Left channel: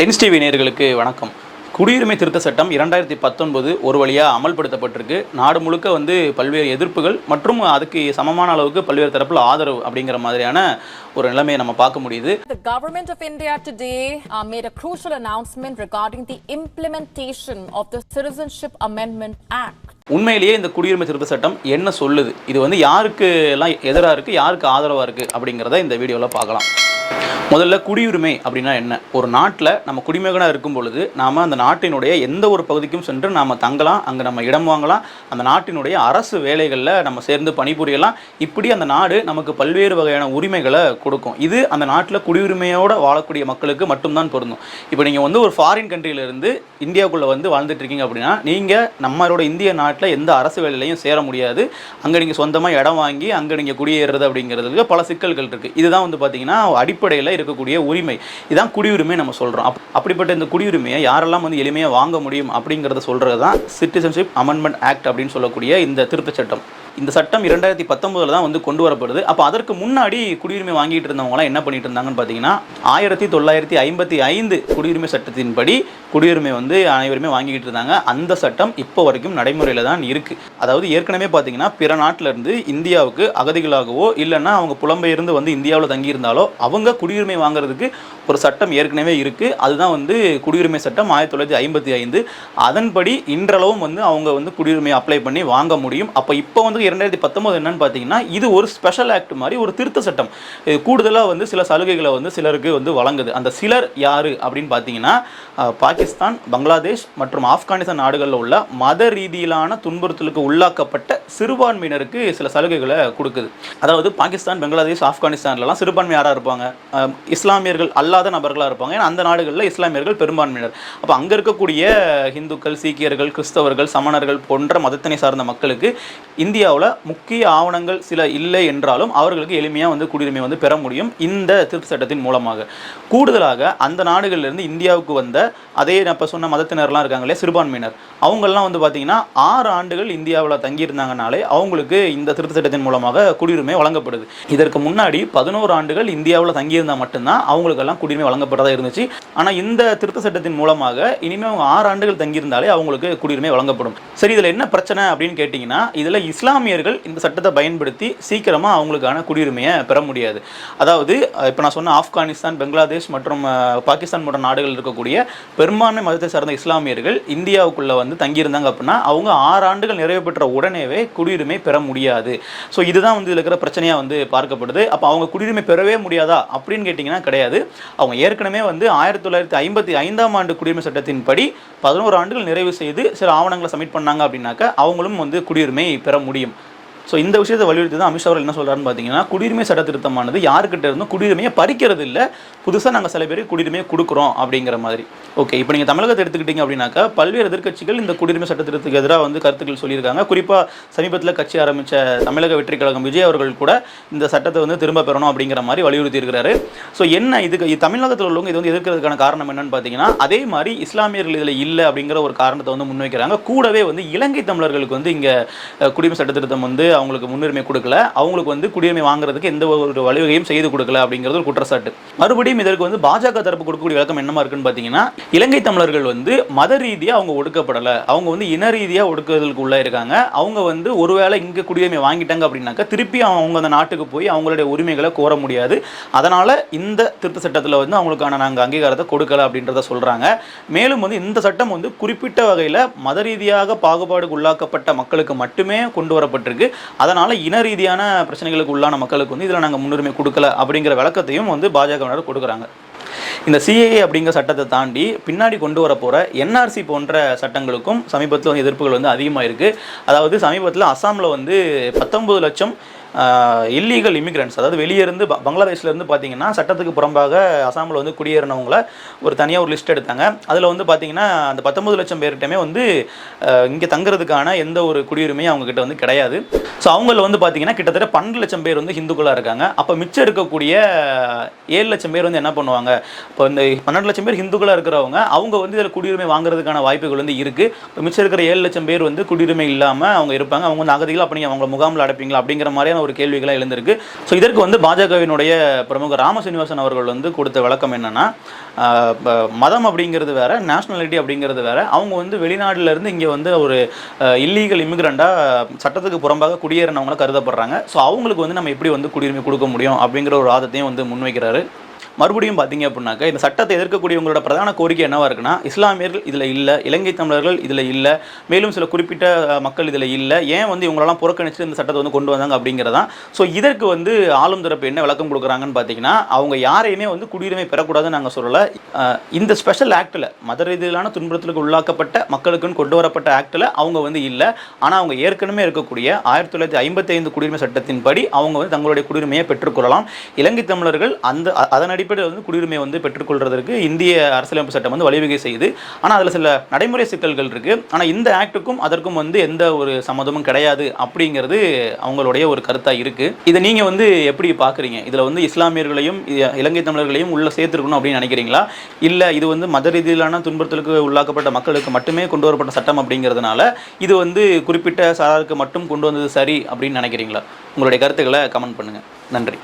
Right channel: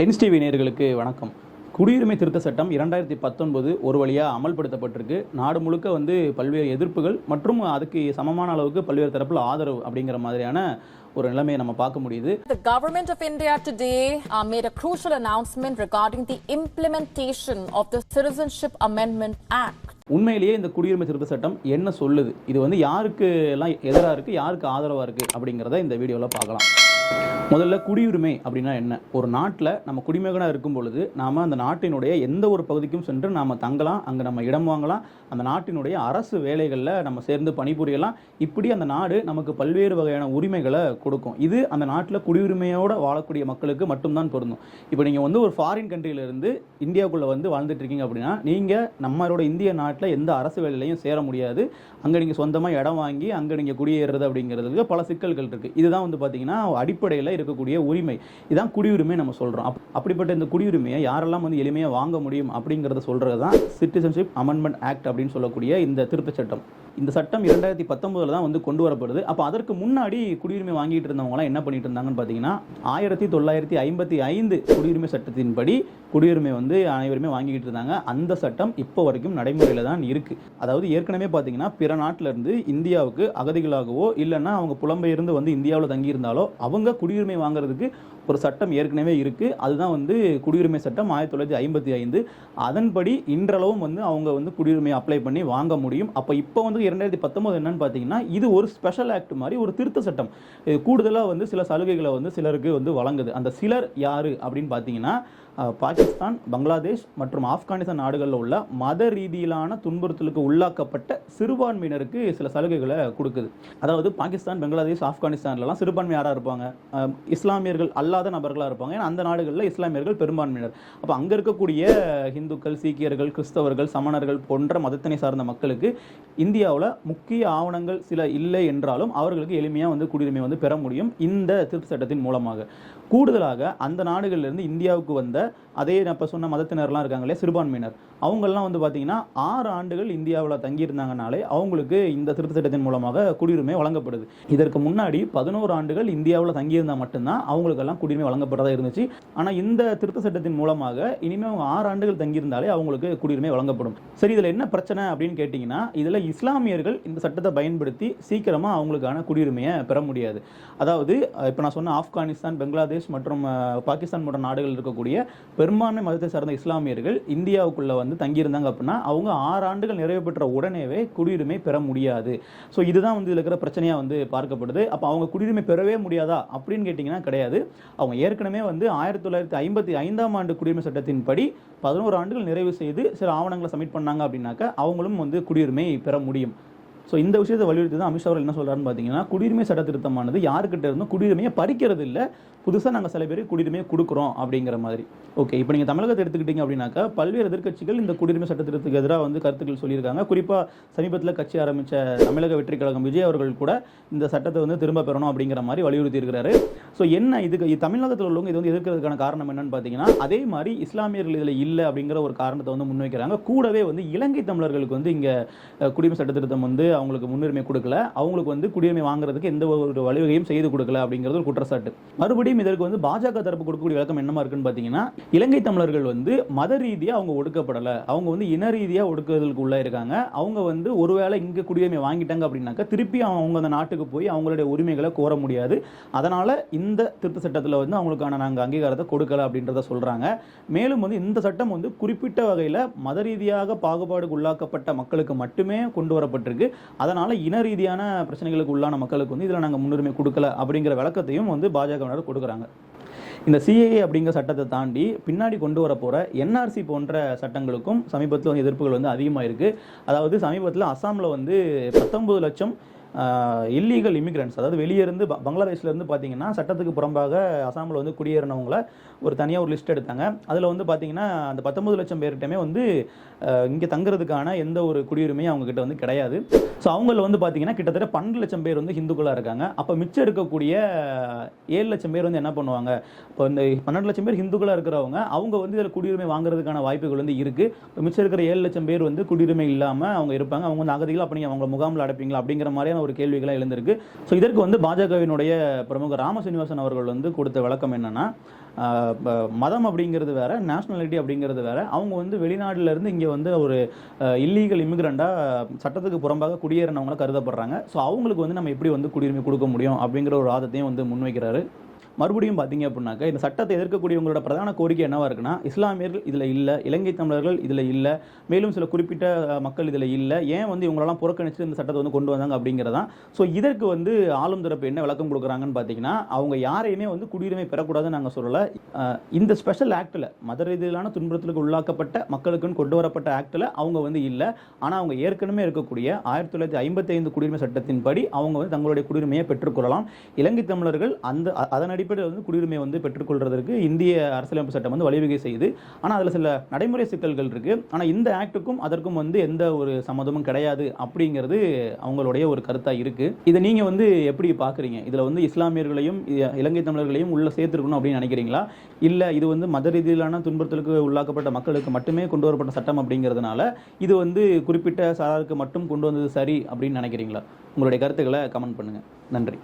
Tense TV நேயர்களுக்கு வணக்கம். குடியுரிமை திருத்த சட்டம் இரண்டாயிரத்தி பத்தொன்பது ஒரு வழியாக அமல்படுத்தப்பட்டிருக்கு. நாடு முழுக்க வந்து பல்வேறு எதிர்ப்புகள் மற்றும் அதுக்கு சமமான அளவுக்கு பல்வேறு தரப்பில் ஆதரவு அப்படிங்கிற மாதிரியான ஒரு நிலைமையை நம்ம பார்க்க முடியுது. The government of India today uh, made a crucial announcement regarding the implementation of the Citizenship Amendment Act. உண்மையிலேயே இந்த குடியுரிமை திருத்த சட்டம் என்ன சொல்லுது? இது வந்து யாருக்கு எல்லாம் எதிராக இருக்குது யாருக்கு ஆதரவாக இருக்குது அப்படிங்கிறத இந்த வீடியோவில் பார்க்கலாம். முதல்ல குடியுரிமை அப்படின்னா என்ன? ஒரு நாட்டில் நம்ம குடிமகனாக இருக்கும் பொழுது நாம் அந்த நாட்டினுடைய எந்த ஒரு பகுதிக்கும் சென்று நாம் தங்கலாம் அங்கே நம்ம இடம் வாங்கலாம் அந்த நாட்டினுடைய அரசு வேலைகளில் நம்ம சேர்ந்து பணிபுரியலாம். இப்படி அந்த நாடு நமக்கு பல்வேறு வகையான உரிமைகளை கொடுக்கும். இது அந்த நாட்டில் குடியுரிமையோடு வாழக்கூடிய மக்களுக்கு மட்டும்தான் பொருந்தும். இப்போ நீங்கள் வந்து ஒரு ஃபாரின் கண்ட்ரியிலேருந்து இந்தியாவுக்குள்ளே வந்து வாழ்ந்துட்டு இருக்கீங்க அப்படின்னா நீங்கள் நம்மளோட இந்திய நாட்டில் எந்த அரசு வேலையிலையும் சேர முடியாது. அங்கே நீங்கள் சொந்தமாக இடம் வாங்கி அங்கே நீங்கள் குடியேறுறது அப்படிங்கிறதுக்கு பல சிக்கல்கள் இருக்குது இதுதான் வந்து பார்த்தீங்கன்னா அடிப்படையில் இருக்கக்கூடிய உரிமை. இதான் குடியுரிமை நம்ம சொல்கிறோம் அப் அப்படிப்பட்ட இந்த குடியுரிமையை யாரெல்லாம் வந்து எளிமையாக வாங்க முடியும் அப்படிங்கிறத சொல்கிறது தான் சிட்டிசன்ஷிப் அமெண்ட்மெண்ட் ஆக்ட் அப்படின்னு சொல்லக்கூடிய இந்த திருத்தச் சட்டம். இந்த சட்டம் இரண்டாயிரத்தி பத்தொன்பதில் தான் வந்து கொண்டு வரப்படுது. அப்போ அதற்கு முன்னாடி குடியுரிமை வாங்கிட்டு இருந்தவங்களாம் என்ன பண்ணிட்டு இருந்தாங்கன்னு பார்த்தீங்கன்னா ஆயிரத்தி தொள்ளாயிரத்தி ஐம்பத்தி ஐந்து குடியுரிமை சட்டத்தின்படி குடியுரிமை வந்து அனைவருமே வாங்கிக்கிட்டு இருந்தாங்க. அந்த சட்டம் இப்போ வரைக்கும் நடைமுறையில் தான் இருக்குது அதாவது ஏற்கனவே பார்த்தீங்கன்னா பிற நாட்டிலிருந்து இந்தியாவுக்கு அகதிகளாகவோ இல்லைன்னா அவங்க புலம்பெயர்ந்து வந்து இந்தியாவில் தங்கியிருந்தாலோ அவங்க குடியுரிமை வாங்குறதுக்கு ஒரு சட்டம் ஏற்கனவே இருக்குது அதுதான் வந்து குடியுரிமை சட்டம் ஆயிரத்தி தொள்ளாயிரத்தி ஐம்பத்தி ஐந்து. அதன்படி இன்றளவும் வந்து அவங்க வந்து குடியுரிமை அப்ளை பண்ணி வாங்க முடியும். அப்போ இப்போ வந்து இரண்டாயிரத்தி பத்தொம்போது என்னன்னு பார்த்தீங்கன்னா இது ஒரு ஸ்பெஷல் ஆக்ட் மாதிரி ஒரு திருத்த சட்டம். கூடுதலாக வந்து சில சலுகைகளை வந்து சிலருக்கு வந்து வழங்குது. அந்த சிலர் யார் அப்படின்னு பார்த்தீங்கன்னா பாகிஸ்தான் பங்களாதேஷ் மற்றும் ஆப்கானிஸ்தான் நாடுகளில் உள்ள மத ரீதியிலான துன்புறுத்தலுக்கு உள்ளாக்கப்பட்ட சிறுபான்மையினருக்கு சில சலுகைகளை கொடுக்குது. அதாவது பாகிஸ்தான் பங்களாதேஷ் ஆப்கானிஸ்தான்லலாம் சிறுபான்மை யாராக இருப்பாங்க? இஸ்லாமியர்கள் அல்லாத நபர்களாக இருப்பாங்க. ஏன்னா அந்த நாடுகளில் இஸ்லாமியர்கள் பெரும்பான்மையினர். அப்போ அங்கே இருக்கக்கூடிய இந்துக்கள் சீக்கியர்கள் கிறிஸ்தவர்கள் சமணர்கள் போன்ற மதத்தினை சார்ந்த மக்களுக்கு இந்தியா இந்தியாவில் முக்கிய ஆவணங்கள் சில இல்லை என்றாலும் அவர்களுக்கு எளிமையாக வந்து குடியுரிமை வந்து பெற முடியும் இந்த திருத்த சட்டத்தின் மூலமாக. கூடுதலாக அந்த நாடுகளிலிருந்து இந்தியாவுக்கு வந்த அதே நான் இப்போ சொன்ன மதத்தினர்லாம் இருக்காங்க இல்லையா சிறுபான்மையினர். அவங்கெல்லாம் வந்து பார்த்தீங்கன்னா ஆறு ஆண்டுகள் இந்தியாவில் தங்கியிருந்தாங்கனாலே அவங்களுக்கு இந்த திருத்த சட்டத்தின் மூலமாக குடியுரிமை வழங்கப்படுது. இதற்கு முன்னாடி பதினோரு ஆண்டுகள் இந்தியாவில் தங்கியிருந்தால் மட்டும்தான் அவங்களுக்கெல்லாம் குடியுரிமை வழங்கப்பட்டதாக இருந்துச்சு. ஆனால் இந்த திருத்த சட்டத்தின் மூலமாக இனிமேல் அவங்க ஆறு ஆண்டுகள் தங்கியிருந்தாலே அவங்களுக்கு குடியுரிமை வழங்கப்படும். சரி இதில் என்ன பிரச்சனை அப்படின்னு கேட்டிங்கன்னா இதில் இஸ்லாம் இஸ்லாமியர்கள் இந்த சட்டத்தை பயன்படுத்தி சீக்கிரமாக அவங்களுக்கான குடியுரிமையை பெற முடியாது. அதாவது இப்போ நான் சொன்ன ஆப்கானிஸ்தான் பங்களாதேஷ் மற்றும் பாகிஸ்தான் போன்ற நாடுகள் இருக்கக்கூடிய பெரும்பான்மை மதத்தை சார்ந்த இஸ்லாமியர்கள் இந்தியாவுக்குள்ளே வந்து தங்கியிருந்தாங்க அப்படின்னா அவங்க ஆறு ஆண்டுகள் நிறைவு பெற்ற உடனேவே குடியுரிமை பெற முடியாது. ஸோ இதுதான் வந்து இதில் இருக்கிற பிரச்சனையாக வந்து பார்க்கப்படுது. அப்போ அவங்க குடியுரிமை பெறவே முடியாதா அப்படின்னு கேட்டிங்கன்னா கிடையாது. அவங்க ஏற்கனவே வந்து ஆயிரத்தி தொள்ளாயிரத்தி ஐம்பத்தி ஐந்தாம் ஆண்டு குடியுரிமை சட்டத்தின்படி பதினோரு ஆண்டுகள் நிறைவு செய்து சில ஆவணங்களை சப்மிட் பண்ணாங்க அப்படின்னாக்க அவங்களும் வந்து குடியுரிமை பெற முடியும். ஸோ இந்த விஷயத்தை வலியுறுத்தி தான் அமித்ஷா அவர்கள் என்ன சொல்கிறாருன்னு பார்த்தீங்கன்னா குடியுரிமை சட்ட திருத்தமானது யாருக்கிட்ட இருந்தும் குடியுரிமையை பறிக்கிறது இல்லை புதுசாக நாங்கள் சில பேருக்கு குடியுரிமையை கொடுக்குறோம் அப்படிங்கிற மாதிரி. ஓகே இப்போ நீங்கள் தமிழகத்தை எடுத்துக்கிட்டீங்க அப்படின்னாக்கா பல்வேறு எதிர்க்கட்சிகள் இந்த குடியுரிமை சட்ட திருத்தத்துக்கு எதிராக வந்து கருத்துக்கள் சொல்லியிருக்காங்க. குறிப்பாக சமீபத்தில் கட்சி ஆரம்பித்த தமிழக வெற்றி கழகம் விஜய் அவர்கள் கூட இந்த சட்டத்தை வந்து திரும்ப பெறணும் அப்படிங்கிற மாதிரி வலியுறுத்தி இருக்கிறாரு ஸோ என்ன இதுக்கு தமிழகத்தில் உள்ளவங்க இது வந்து எதிர்க்கிறதுக்கான காரணம் என்னன்னு பார்த்தீங்கன்னா அதே மாதிரி இஸ்லாமியர்கள் இதில் இல்லை அப்படிங்கிற ஒரு காரணத்தை வந்து முன்வைக்கிறாங்க. கூடவே வந்து இலங்கை தமிழர்களுக்கு வந்து இங்கே குடியுரிமை சட்ட திருத்தம் வந்து அவங்களுக்கு முன்னுரிமை கொடுக்கல. அவங்களுக்கு வந்து குடியுரிமை வாங்குறதுக்கு எந்த ஒரு வழிவகையும் செய்து கொடுக்கல அப்படிங்கிறது ஒரு குற்றச்சாட்டு. மறுபடியும் இதற்கு வந்து பாஜக தரப்பு கொடுக்கக்கூடிய விளக்கம் என்னமா இருக்குன்னு பார்த்தீங்கன்னா இலங்கை தமிழர்கள் வந்து மத ரீதியாக அவங்க ஒடுக்கப்படலை. அவங்க வந்து இன ரீதியாக ஒடுக்குறதுக்கு உள்ளே இருக்காங்க. அவங்க வந்து ஒருவேளை இங்கே குடியுரிமை வாங்கிட்டாங்க அப்படின்னாக்கா திருப்பி அவங்க அந்த நாட்டுக்கு போய் அவங்களுடைய உரிமைகளை கோர முடியாது. அதனால் இந்த திருத்த சட்டத்தில் வந்து அவங்களுக்கான நாங்கள் அங்கீகாரத்தை கொடுக்கல அப்படின்றத சொல்கிறாங்க மேலும் வந்து இந்த சட்டம் வந்து குறிப்பிட்ட வகையில் மத ரீதியாக பாகுபாடுக்கு உள்ளாக்கப்பட்ட மக்களுக்கு மட்டுமே கொண்டு வரப்பட்டிருக்கு. அதனால் இன ரீதியான பிரச்சனைகளுக்கு உள்ளான மக்களுக்கு வந்து இதில் நாங்கள் முன்னுரிமை கொடுக்கல அப்படிங்கிற விளக்கத்தையும் வந்து பாஜகவினர் கொடுக்குறாங்க. இந்த சிஏஏ அப்படிங்கிற சட்டத்தை தாண்டி பின்னாடி கொண்டு வர போகிற என்ஆர்சி போன்ற சட்டங்களுக்கும் சமீபத்தில் வந்து எதிர்ப்புகள் வந்து அதிகமாக இருக்குது அதாவது சமீபத்தில் அஸ்ஸாமில் வந்து பத்தொம்பது லட்சம் இல்லீகல் இமிக்ரெண்ட்ஸ் அதாவது வெளியே இருந்து பங்களாதேஷ்லேருந்து பார்த்தீங்கன்னா சட்டத்துக்கு புறம்பாக அசாமில் வந்து குடியேறினவங்கள ஒரு தனியாக ஒரு லிஸ்ட் எடுத்தாங்க. அதில் வந்து பார்த்தீங்கன்னா அந்த பத்தொம்பது லட்சம் பேர்கிட்டமே வந்து இங்கே தங்குறதுக்கான எந்த ஒரு குடியுரிமையும் அவங்கக்கிட்ட வந்து கிடையாது. ஸோ அவங்கள வந்து பார்த்தீங்கன்னா கிட்டத்தட்ட பன்னெண்டு லட்சம் பேர் வந்து ஹிந்துக்களாக இருக்காங்க. அப்போ மிச்சம் இருக்கக்கூடிய ஏழு லட்சம் பேர் வந்து என்ன பண்ணுவாங்க? இப்போ இந்த பன்னெண்டு லட்சம் பேர் ஹிந்துக்களாக இருக்கிறவங்க அவங்க வந்து இதில் குடியுரிமை வாங்குறதுக்கான வாய்ப்புகள் வந்து இருக்குது இப்போ மிச்சம் இருக்கிற ஏழு லட்சம் பேர் வந்து குடியுரிமை இல்லாமல் அவங்க இருப்பாங்க. அவங்க வந்து அகதிகள் அப்படி அவங்கள முகாமில் அடைப்பீங்களா? அப்படிங்கிற மாதிரியான ஒரு கேள்விகளாக எழுந்திருக்கு. ஸோ இதற்கு வந்து பாஜகவினுடைய பிரமுகர் ராம சீனிவாசன் அவர்கள் வந்து கொடுத்த விளக்கம் என்னன்னா மதம் அப்படிங்கிறது வேற நேஷ்னாலிட்டி அப்படிங்கிறது வேற. அவங்க வந்து வெளிநாட்டிலேருந்து இருந்து இங்கே வந்து ஒரு இல்லீகல் இமிகிரண்டாக சட்டத்துக்கு புறம்பாக குடியேறினவங்கள கருதப்படுறாங்க. ஸோ அவங்களுக்கு வந்து நம்ம எப்படி வந்து குடியுரிமை கொடுக்க முடியும் அப்படிங்கிற ஒரு வாதத்தையும் வந்து முன்வைக்கிறாரு. மறுபடியும் பார்த்தீங்க அப்படின்னாக்கா இந்த சட்டத்தை எதிர்க்கக்கூடியவங்களோட பிரதான கோரிக்கை என்னவா இருக்குன்னா இஸ்லாமியர்கள் இதில் இல்லை இலங்கை தமிழர்கள் இதில் இல்லை மேலும் சில குறிப்பிட்ட மக்கள் இதில் இல்லை ஏன் வந்து இவங்களெல்லாம் புறக்கணித்து இந்த சட்டத்தை வந்து கொண்டு வந்தாங்க அப்படிங்கிறதான். ஸோ இதற்கு வந்து ஆளும் தரப்பு என்ன விளக்கம் கொடுக்குறாங்கன்னு பார்த்தீங்கன்னா அவங்க யாரையுமே வந்து குடியுரிமை பெறக்கூடாதுன்னு நாங்கள் சொல்லலை. இந்த ஸ்பெஷல் ஆக்டில் மத ரீதியிலான துன்புறுத்தலுக்கு உள்ளாக்கப்பட்ட மக்களுக்குன்னு கொண்டு வரப்பட்ட ஆக்டில் அவங்க வந்து இல்லை. ஆனால் அவங்க ஏற்கனவே இருக்கக்கூடிய ஆயிரத்தி தொள்ளாயிரத்தி ஐம்பத்தி ஐந்து குடியுரிமை சட்டத்தின்படி அவங்க வந்து தங்களுடைய குடியுரிமையை பெற்றுக்கொள்ளலாம் இலங்கை தமிழர்கள் அந்த அதன் அடிப்படையில் வந்து குடியுரிமை வந்து பெற்றுக்கொள்வதற்கு இந்திய அரசியலமைப்பு சட்டம் வந்து வழிவகை செய்யுது. ஆனால் அதில் சில நடைமுறை சிக்கல்கள் இருக்குது ஆனால் இந்த ஆக்டுக்கும் அதற்கும் வந்து எந்த ஒரு சம்மதமும் கிடையாது அப்படிங்கிறது அவங்களுடைய ஒரு கருத்தாக இருக்குது இதை நீங்கள் வந்து எப்படி பார்க்குறீங்க இதில் வந்து இஸ்லாமியர்களையும் இலங்கை தமிழர்களையும் உள்ள சேர்த்துருக்கணும் அப்படின்னு நினைக்கிறீங்களா? இல்லை இது வந்து மத ரீதியிலான துன்புறுத்தலுக்கு உள்ளாக்கப்பட்ட மக்களுக்கு மட்டுமே கொண்டு வரப்பட்ட சட்டம் அப்படிங்கிறதுனால இது வந்து குறிப்பிட்ட சாராருக்கு மட்டும் கொண்டு வந்தது சரி அப்படின்னு நினைக்கிறீங்களா? உங்களுடைய கருத்துக்களை கமெண்ட் பண்ணுங்கள் நன்றி.